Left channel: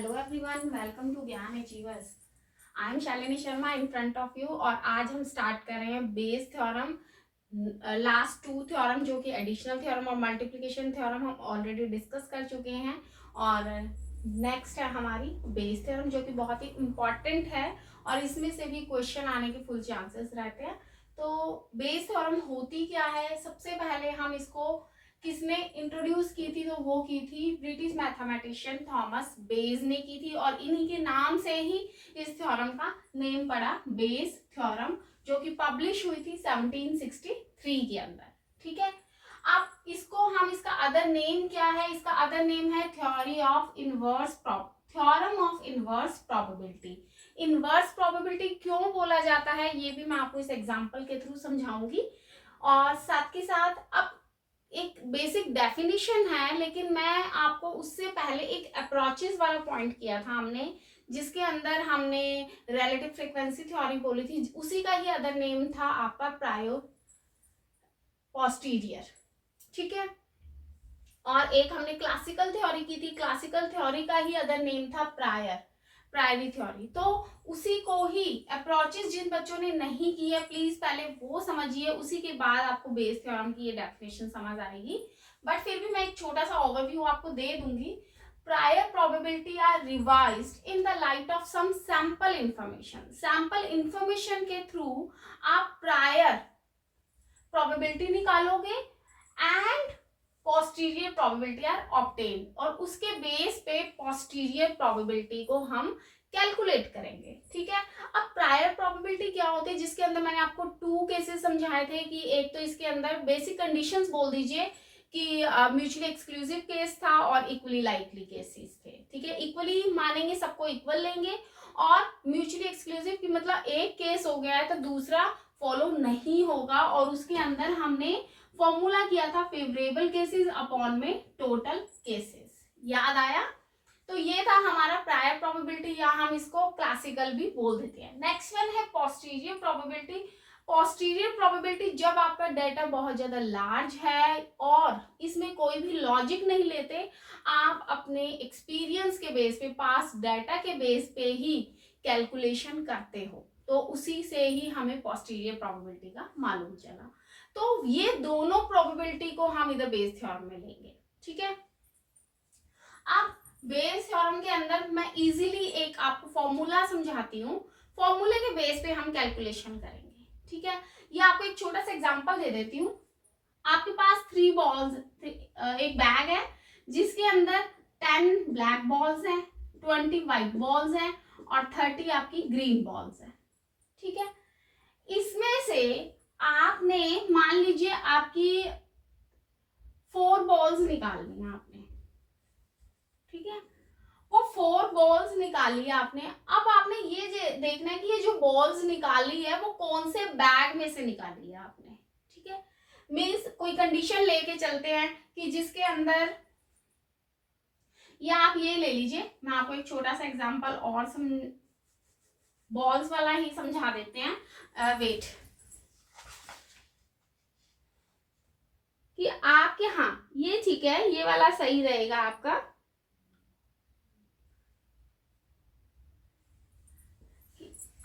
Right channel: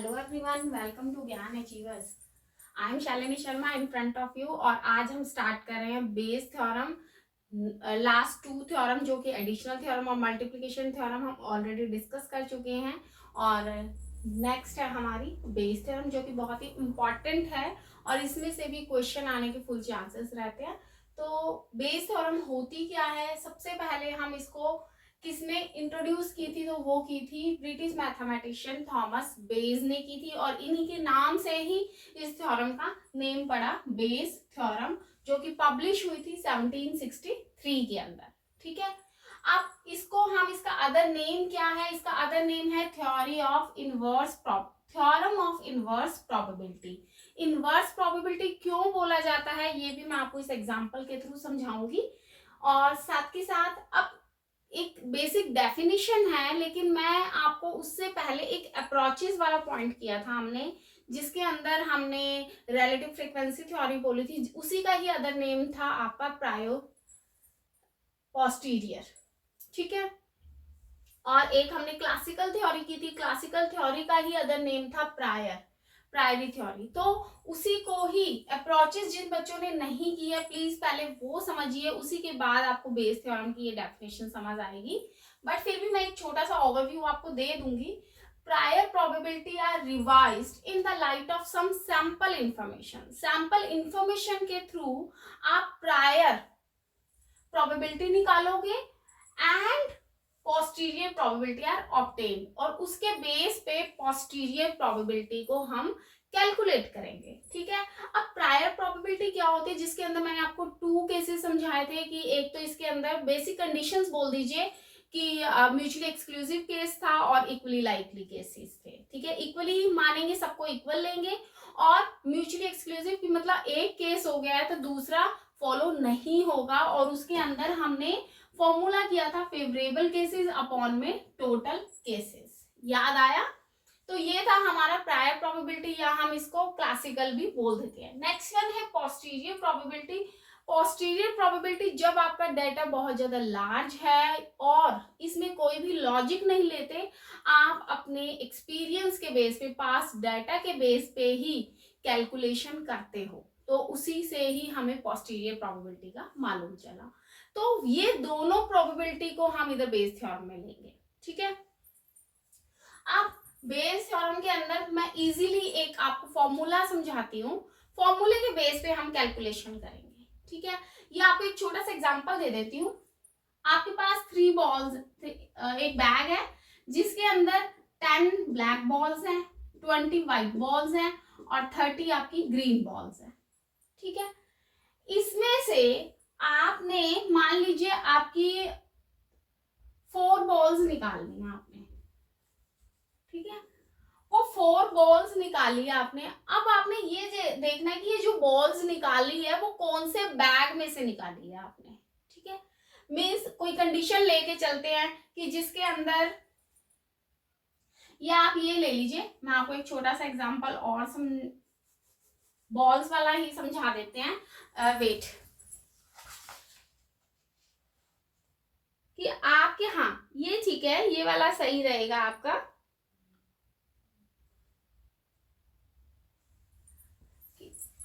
Hello everyone, welcome to Gyan achievers. I am Shalini Sharma in front of you और आज हम start कर रहे हैं Bayes theorem. Last two theorem जो कि एडिशनल थ्योरम और मल्टीप्लिकेशन थ्योरम हम ऑलरेडी डिस्कस कर चुके हैं और नेक्स्ट है हमारी बेस थ्योरम जो कि बहुत ही इम्पॉर्टेंट है और इसमें से भी क्वेश्चन आने के फुल चांसेस रहते हैं। तो बेस थ्योरम होती क्या है, सबसे पहले हम इसको किसने इंट्रोड्यूस की थी, तो वो की थी ब्रिटिश मैथमेटिशियन थॉमस बेज ने की थी और इन्हीं के नाम से ही इस थ्योरम का नेम पड़ा बेस थ्योरम, जो कि पब्लिश हुई थी 1763 के अंदर। ठीक है, अब इसको हम इसका अदर नेम क्या है, इसका अदर नेम है theorem of inverse probability. Inverse probability क्यों बोला जाता है ये भी मैं आपको इस एग्जांपल के थ्रू समझाऊंगी और साथ के साथ अब एक बेसिक डेफिनेशन है, लेकिन मैं आपको उससे पहले एक अप्रोचेस वाला पॉइंट किया था हमने, जिसके अंदर हमने रिलेटिव फ्रीक्वेंसी थ्योरी बोली थी, उसी का ही अदर नेम था आपका प्रायो पोस्टीरियर। ठीक है, और एक हमने क्लासिकल थ्योरी की थी, क्लासिकल थ्योरी का ही अदर नेम था प्रायरी थ्योरी। तो उसी को ही अप्रोचेस जिन बच्चों ने नहीं की है प्लीज पहले वो समझिए, उसी के बाद आपको बेस थ्योरम की ये डेफिनेशन समझ आएगी। बट फिर भी मैं एक छोटा सा ओवरव्यू आपको दे दूंगी। Prior probability are revised in the light of some sample information. Sample information के थ्रू आप प्रायर प्रोबेबिलिटी निकालोगे and posterior probability are obtain, और उसके बेस पे पोस्टीरियर प्रोबेबिलिटी को हम कैलकुलेट करेंगे। ठीक है, अब प्रायर प्रोबेबिलिटी क्या होती है, जिसके अंदर मैंने आपको टू केसेस समझाए थे कि एक तो इसके अंदर बेसिक कंडीशंस बोल दीजिए कि म्यूचुअली एक्सक्लूसिव केस था और इक्वली लाइकली केसेस थे। ठीक है, इक्वली मानेंगे, सबको इक्वल लेंगे, और म्यूचुअली एक्सक्लूसिव की मतलब एक केस हो गया है तो दूसरा फॉलो नहीं होगा, और उसके अंदर हमने फॉर्मूला किया था फेवरेबल केसेस अपॉन में टोटल केसेस। याद आया? तो ये था हमारा प्रायर प्रोबेबिलिटी, या हम इसको क्लासिकल भी बोल देते हैं। नेक्स्ट वन है पोस्टीरियर प्रोबेबिलिटी। पोस्टीरियर प्रोबेबिलिटी जब आपका डेटा बहुत ज्यादा लार्ज है और इसमें कोई भी लॉजिक नहीं लेते, आप अपने एक्सपीरियंस के बेस पे, पास डाटा के बेस पे ही कैलकुलेशन करते हो, तो उसी से ही हमें पोस्टीरियर प्रोबेबिलिटी का मालूम चला। तो ये दोनों प्रोबेबिलिटी को हम इधर बेस थ्योरम में लेंगे। ठीक है, अब बेस थ्योरम के अंदर मैं इजीली एक आपको फॉर्मूला समझाती हूँ, फॉर्मूले के बेस पे हम कैलकुलेशन करेंगे। ठीक है, ये आपको एक छोटा सा एग्जांपल दे देती हूँ। आपके पास 3 बॉल्स, एक बैग है जिसके अंदर 10 ब्लैक बॉल्स हैं, 20 व्हाइट बॉल्स हैं और 30 आपकी ग्रीन बॉल्स हैं। ठीक है, इसमें से आपने मान लीजिए आपकी 4 बॉल्स निकालनी है आपने। ठीक है, वो 4 बॉल्स निकाली है आपने। अब आपने ये देखना है कि ये जो बॉल्स निकाली है वो कौन से बैग में से निकाली है आपने। ठीक है, मीन्स कोई कंडीशन लेके चलते हैं कि जिसके अंदर, या आप ये ले लीजिए, मैं आपको एक छोटा सा एग्जांपल और बॉल्स वाला ही समझा देते हैं। वेट कि आपके, हाँ ये ठीक है, ये वाला सही रहेगा आपका।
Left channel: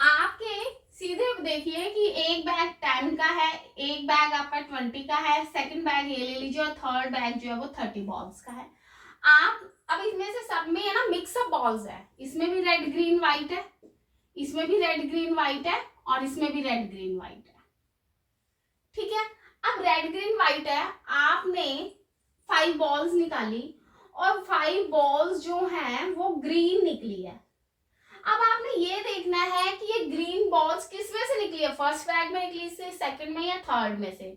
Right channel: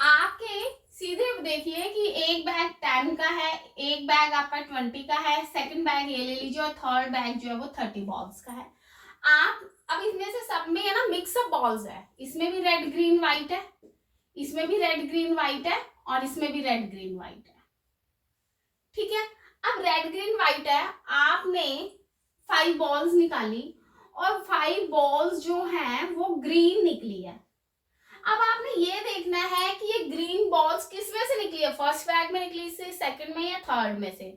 आपके सीधे देखिए कि एक बैग 10 का है, एक बैग आपका 20 का है, सेकंड बैग ये ले लीजिए और थर्ड बैग जो है वो 30 बॉल्स का है। आप अब इसमें से सब में है ना मिक्सअप बॉल्स है, इसमें भी रेड ग्रीन व्हाइट है, इसमें भी रेड ग्रीन व्हाइट है और इसमें भी रेड ग्रीन व्हाइट है। ठीक है, अब रेड ग्रीन व्हाइट है, आपने 5 बॉल्स निकाली और 5 बॉल्स जो हैं वो ग्रीन निकली है। अब आपने ये देखना है कि ये ग्रीन बॉल्स किस में से निकली है, फर्स्ट बैग में निकली से, सेकंड में या थर्ड में से।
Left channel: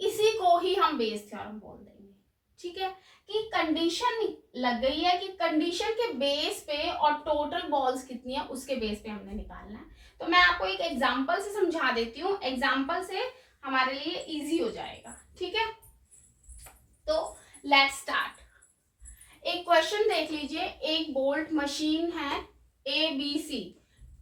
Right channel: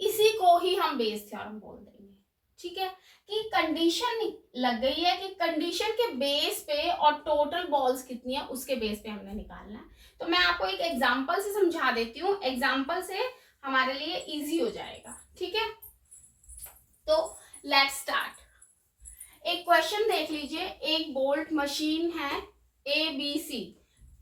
इसी को ही हम बेस थ्योरम बोल देंगे। ठीक है, कि कंडीशन लग गई है कि कंडीशन के बेस पे और टोटल बॉल्स कितनी है उसके बेस पे हमने निकालना है। तो मैं आपको एक एग्जांपल से समझा देती हूँ, एग्जांपल से हमारे लिए इजी हो जाएगा। ठीक है, तो लेट्स स्टार्ट। एक क्वेश्चन देख लीजिए, एक बोल्ट मशीन है ABC,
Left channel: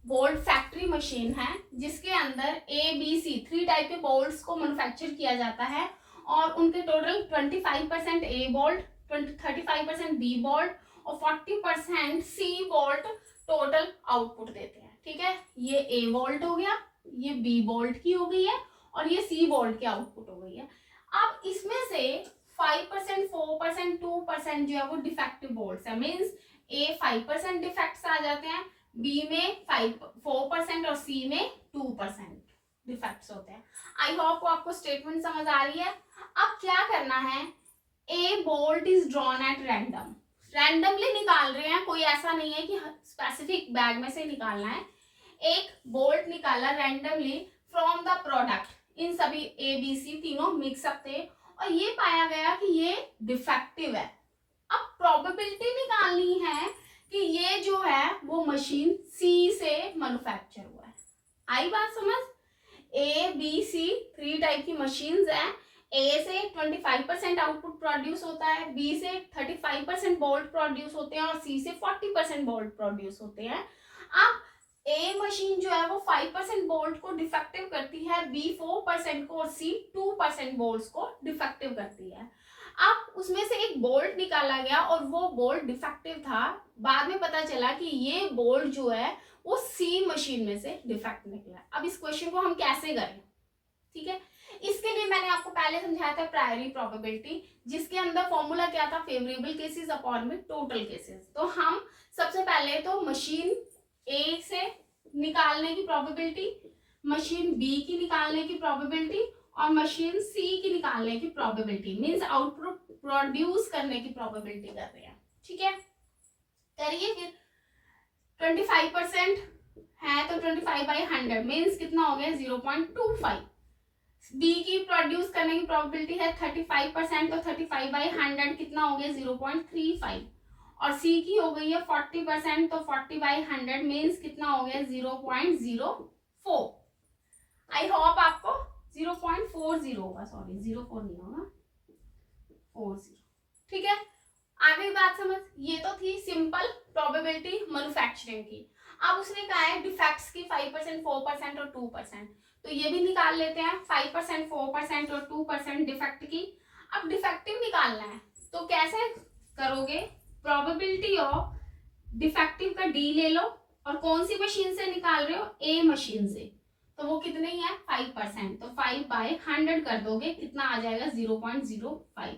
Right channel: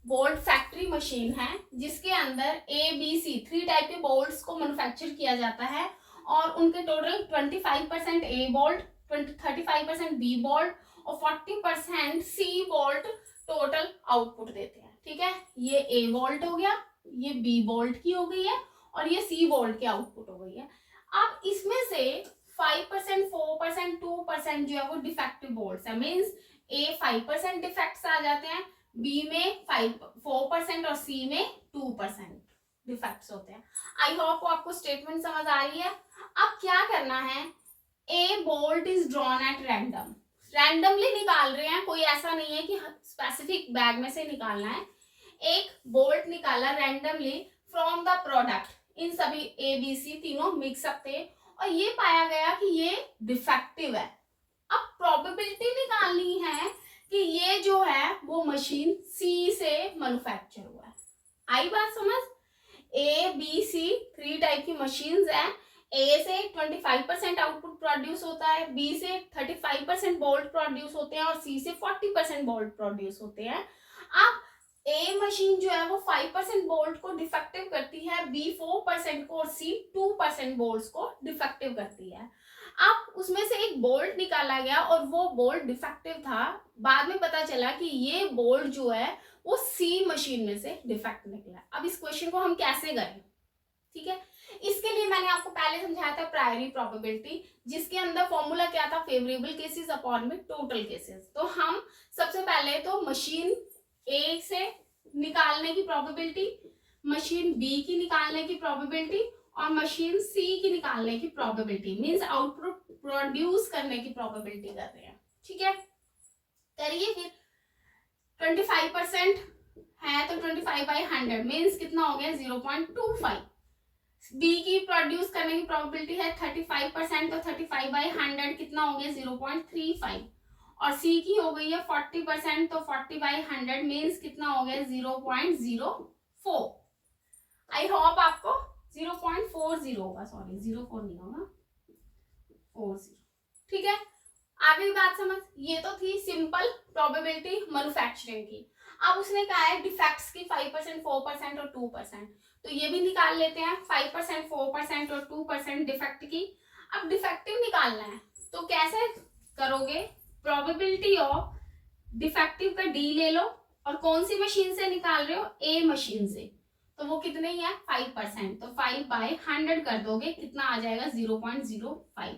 बोल्ट फैक्ट्री मशीन है जिसके अंदर ABC 3 टाइप के बोल्ट्स को मैन्युफैक्चर किया जाता है और उनके total 25% A bolt, 35% B bolt और 40% सी वोल्ट टोटल आउटपुट देते हैं। ठीक है, ये ए वोल्ट हो गया, ये बी वोल्ट की हो गई है और ये सी वोल्ट की आउटपुट हो गई है। अब इसमें से 5%, 4%, 2% जो है वो डिफेक्टिव वोल्ट्स है, मीन्स ए 5% डिफेक्ट्स आ जाते हैं, बी में 4% और सी में 2% डिफेक्ट्स होते हैं। आई होप आपको स्टेटमेंट समझ आ रही है। अब क्या करना है, ए bolt is drawn at random, randomly निकाल रहे हैं, कोई ऐसा नहीं है कि स्पेसिफिक बैग में से निकालना है। एक बोल्ट निकाला रैंडमली फ्रॉम द प्रोडक्ट, इन सभी ए बी सी तीनों मिक्सअप थे और ये पाया गया कि ये डिफेक्टिव है। अब प्रोबेबिलिटी निकालनी है कि ये जो है वो मशीन सी से मैन्युफैक्चर हुआ है। आई बात समझ? ए बी सी 3 टाइप की मशीन्स हैं। ए से 25% आउटपुट प्रोड्यूस होता है, बी से 35% वोल्ट प्रोड्यूस होते हैं और सी से 40% वोल्ट प्रोड्यूस होते हैं। अब ए मशीन जो है वो 5% वोल्ट को डिफेक्टिव करती है, बी 4% को और सी 2% वोल्ट को डिफेक्टिव करती है। अब उसमें से एक बोल्ट निकाला गया और वो बोल्ट डिफेक्टिव था, बाद में पता चला कि ये बोल्ट जो है वो सी मशीन में से डिफेक्ट निकला। अब इस क्वेश्चन को हम कैसे करें? ठीक है, इसके लिए मैंने आपको पहले समझाया था प्रायरी प्रोबेबिलिटी, जिसके अंदर फॉर्मूला क्या था, फेवरेबल केसेस अपॉन में टोटल केसेस। तो हम सबसे पहले तो मशीन ए से निकालने की प्रोबेबिलिटी, मशीन बी की निकालने की प्रोबेबिलिटी और मशीन सी की निकालने की प्रोबेबिलिटी, मींस आउटपुट प्रोड्यूस करने की प्रोबेबिलिटी कर रहे हैं। ठीक है, करिए फिर। 25% है तो 25/100 मींस कितना हो गया, 0.25। बी की प्रोड्यूस करने की प्रोबेबिलिटी है 35%, तो 35/100 कितना हो गया, 0.35। और सी की हो गई है 40%, तो 40/100 मींस कितना हो गया, 0.04। आई होप आपको 0.40 होगा, सॉरी 04 नहीं होगा, 40। ठीक है, आगे बात समझ। ये तो थी सिंपल प्रोबेबिलिटी मैन्युफैक्चरिंग की। अब उसने कहा है डिफेक्ट्स की 5%, 4% और 2%, तो ये भी निकाल लेते हैं, 5%, 4% और 2% डिफेक्ट की। अब डिफेक्टिव निकालना है तो कैसे करोगे, प्रोबेबिलिटी ऑफ डिफेक्टिव का डी ले लो और कौन सी मशीन से निकाल रहे हो, ए मशीन से, तो वो कितने ही है 5%, तो 5/100 कर दोगे, कितना आ जाएगा 0.05।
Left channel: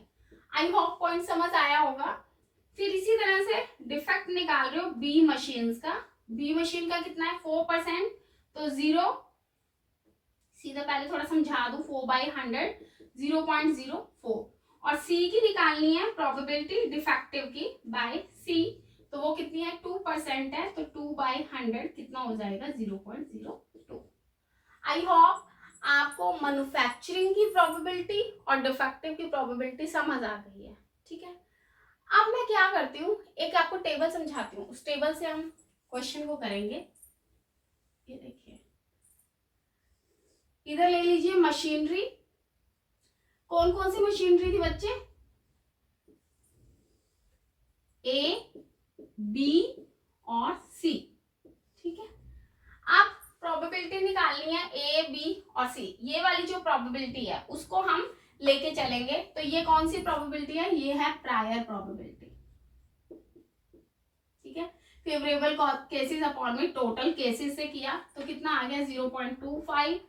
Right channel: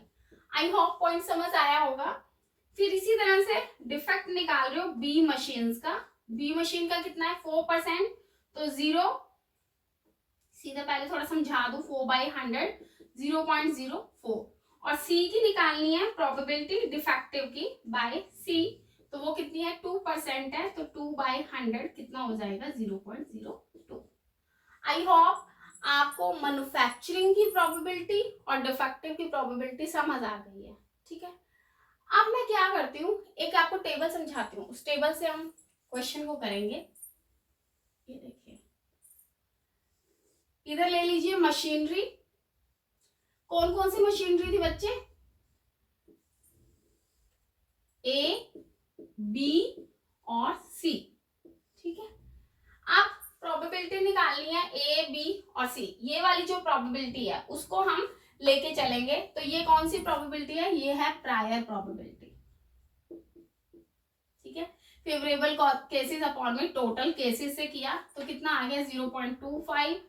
आई होप पॉइंट समझ आया होगा। फिर इसी तरह से डिफेक्ट निकाल रहे हो बी मशीन का, बी मशीन का कितना है 4%, तो 0, सीधा पहले थोड़ा समझा दूं, 4/100 0.04। और सी की निकालनी है प्रोबेबिलिटी डिफेक्टिव की बाय सी, तो वो कितनी है 2% है, तो 2/100 कितना हो जाएगा 0.02। आई होप आपको मैन्युफैक्चरिंग की प्रोबेबिलिटी और डिफेक्टिव की प्रोबेबिलिटी समझ आ गई है। ठीक है, अब मैं क्या करती हूँ, एक आपको टेबल समझाती हूँ, उस टेबल से हम क्वेश्चन को करेंगे। ये देखिए, इधर ले लीजिए मशीनरी, कौन कौन सी मशीनरी थी बच्चे, ए बी और सी। ठीक है, अब प्रोबेबिलिटी निकालनी है ए बी और सी, ये वाली जो प्रोबेबिलिटी है उसको हम लेके चलेंगे। तो ये कौन सी प्रोबेबिलिटी है, ये है प्रायर प्रोबेबिलिटी। ठीक है, फेवरेबल केसेस अपॉन में टोटल केसेस से किया तो कितना आ गया 0.25,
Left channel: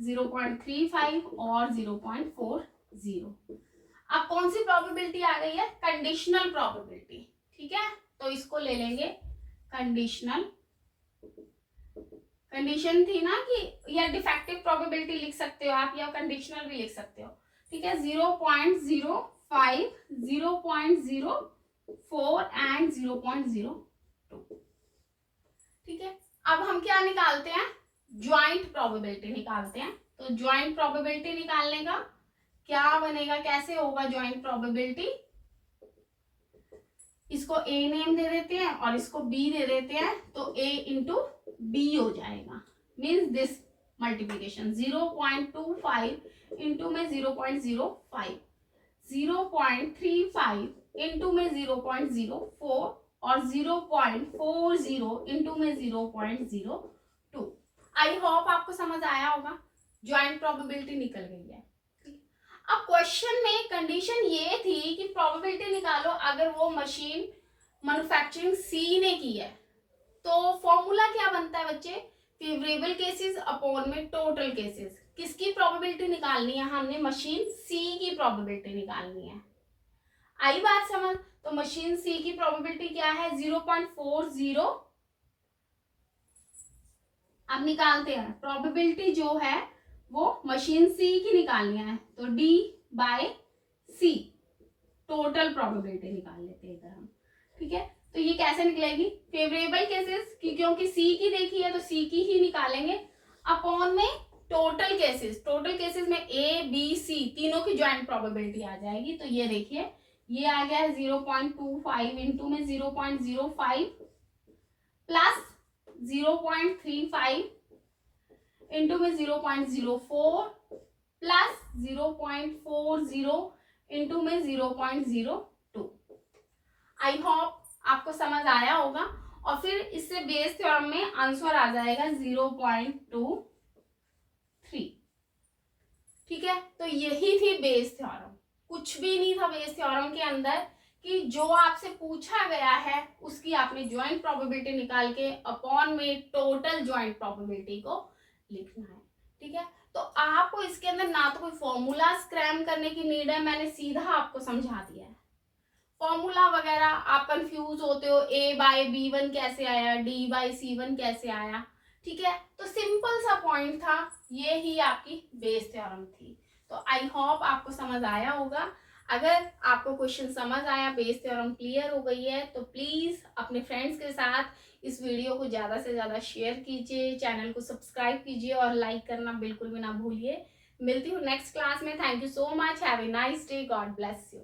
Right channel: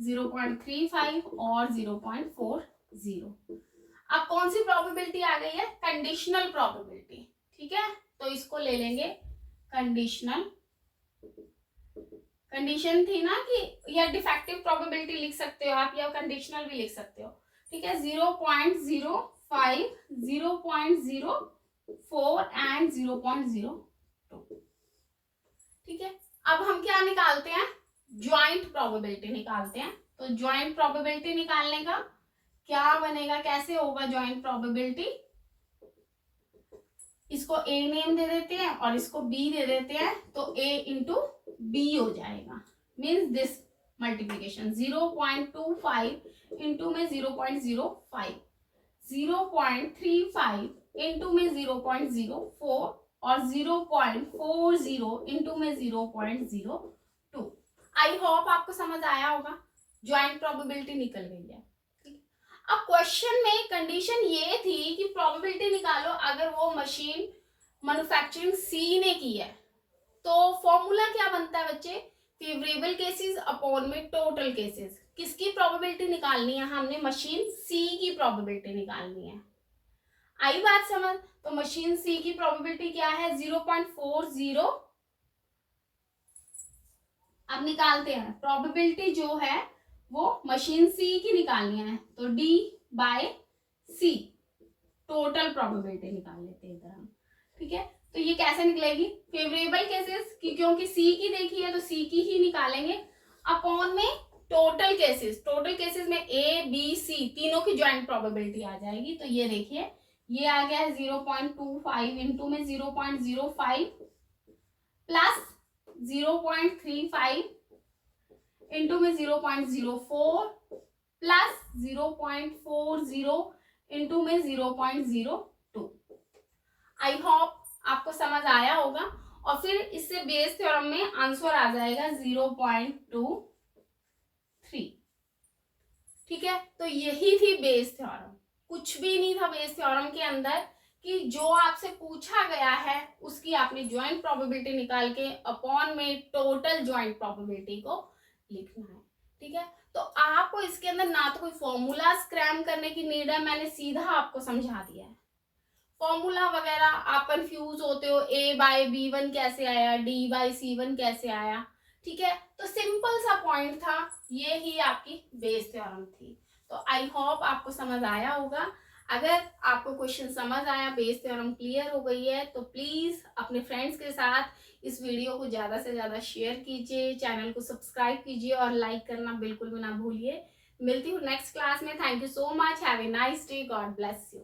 0.35 और 0.40। अब कौन सी प्रोबेबिलिटी आ गई है, कंडीशनल प्रोबेबिलिटी। ठीक है, तो इसको ले लेंगे कंडीशनल, कंडीशन थी ना कि, या डिफेक्टिव प्रोबेबिलिटी लिख सकते हो आप या कंडीशनल भी लिख सकते हो। ठीक है, 0.05, 0.04 एंड 0.02। ठीक है, अब हम क्या निकालते हैं, ज्वाइंट प्रोबेबिलिटी निकालते हैं। तो ज्वाइंट प्रोबेबिलिटी निकालने का क्या बनेगा, कैसे होगा ज्वाइंट प्रोबेबिलिटी, इसको ए नेम दे देते हैं और इसको बी दे देते हैं, तो ए इंटू बी हो जाएगा, मीन्स दिस मल्टीप्लीकेशन 0.25 इंटू में 0.05, 0.35 इंटू में 0.04 और 0.40 इंटू में 0.02। आई होप आपको समझ आया होगा, ज्वाइंट प्रोबेबिलिटी निकल गई है। अब क्वेश्चन में कंडीशन ये थी कि प्रोबेबिलिटी निकालो अगर वो मशीन मैन्युफैक्चरिंग सी ने की है। तो फॉर्मूला क्या बनता है बच्चे, फेवरेबल केसेस अपॉन में टोटल केसेस। किसकी प्रोबेबिलिटी निकालनी है, हमने मशीन सी की प्रोबेबिलिटी निकालनी है। आई बात समझ। तो मशीन सी की प्रोबेबिलिटी क्या है, 0.40। अब निकालते हैं प्रोबेबिलिटी जो है वो मशीन सी की निकालनी है, तो डी बाय सी टोटल प्रोबेबिलिटी निकाल लेते हैं इधर हम। ठीक है, तो ये कैसे निकलेगी, फेवरेबल केसेस की, क्योंकि सी की देखी है तो सी की ही निकालेंगे, अपॉन में टोटल केसेस। टोटल केसेस में ए बी सी तीनों की ज्वाइंट प्रोबेबिलिटी आ जाएगी। तो ये देखिए ये आ गया है 0.25 इंटू में 0.05 प्लस 0.35 इंटू में 0.04 प्लस 0.40 इंटू में 0.02। आई होप आपको समझ आया होगा। और फिर इससे बेस थ्योरम में आंसर आ जाएगा 0.23। ठीक है, तो यही थी बेस थ्योरम, कुछ भी नहीं था बेस थ्योरम के अंदर, कि जो आपसे पूछा गया है उसकी आपने ज्वाइंट प्रोबेबिलिटी निकाल के अपॉन में टोटल ज्वाइंट प्रोबेबिलिटी को लिखना है। ठीक है, तो आपको इसके अंदर ना तो कोई फॉर्मूला स्क्रैम करने की नीड है, मैंने सीधा आपको समझा दिया है। फॉर्मूला वगैरह आप कंफ्यूज होते हो, a बाय b1 कैसे आया, d बाय c1 कैसे आया। ठीक है, तो सिंपल सा पॉइंट था, ये ही आपकी बेस थ्योरम थी। तो आई होप आपको समझ आया होगा। अगर आपको क्वेश्चन समझ आया, बेस थ्योरम क्लियर हो गई है, तो प्लीज अपने फ्रेंड्स के साथ इस वीडियो को ज्यादा से ज्यादा शेयर कीजिए, चैनल को सब्सक्राइब कीजिए और लाइक करना बिल्कुल भी ना भूलिए। मिलती हूँ नेक्स्ट क्लास में। Thank you so much, have a nice day, God bless you.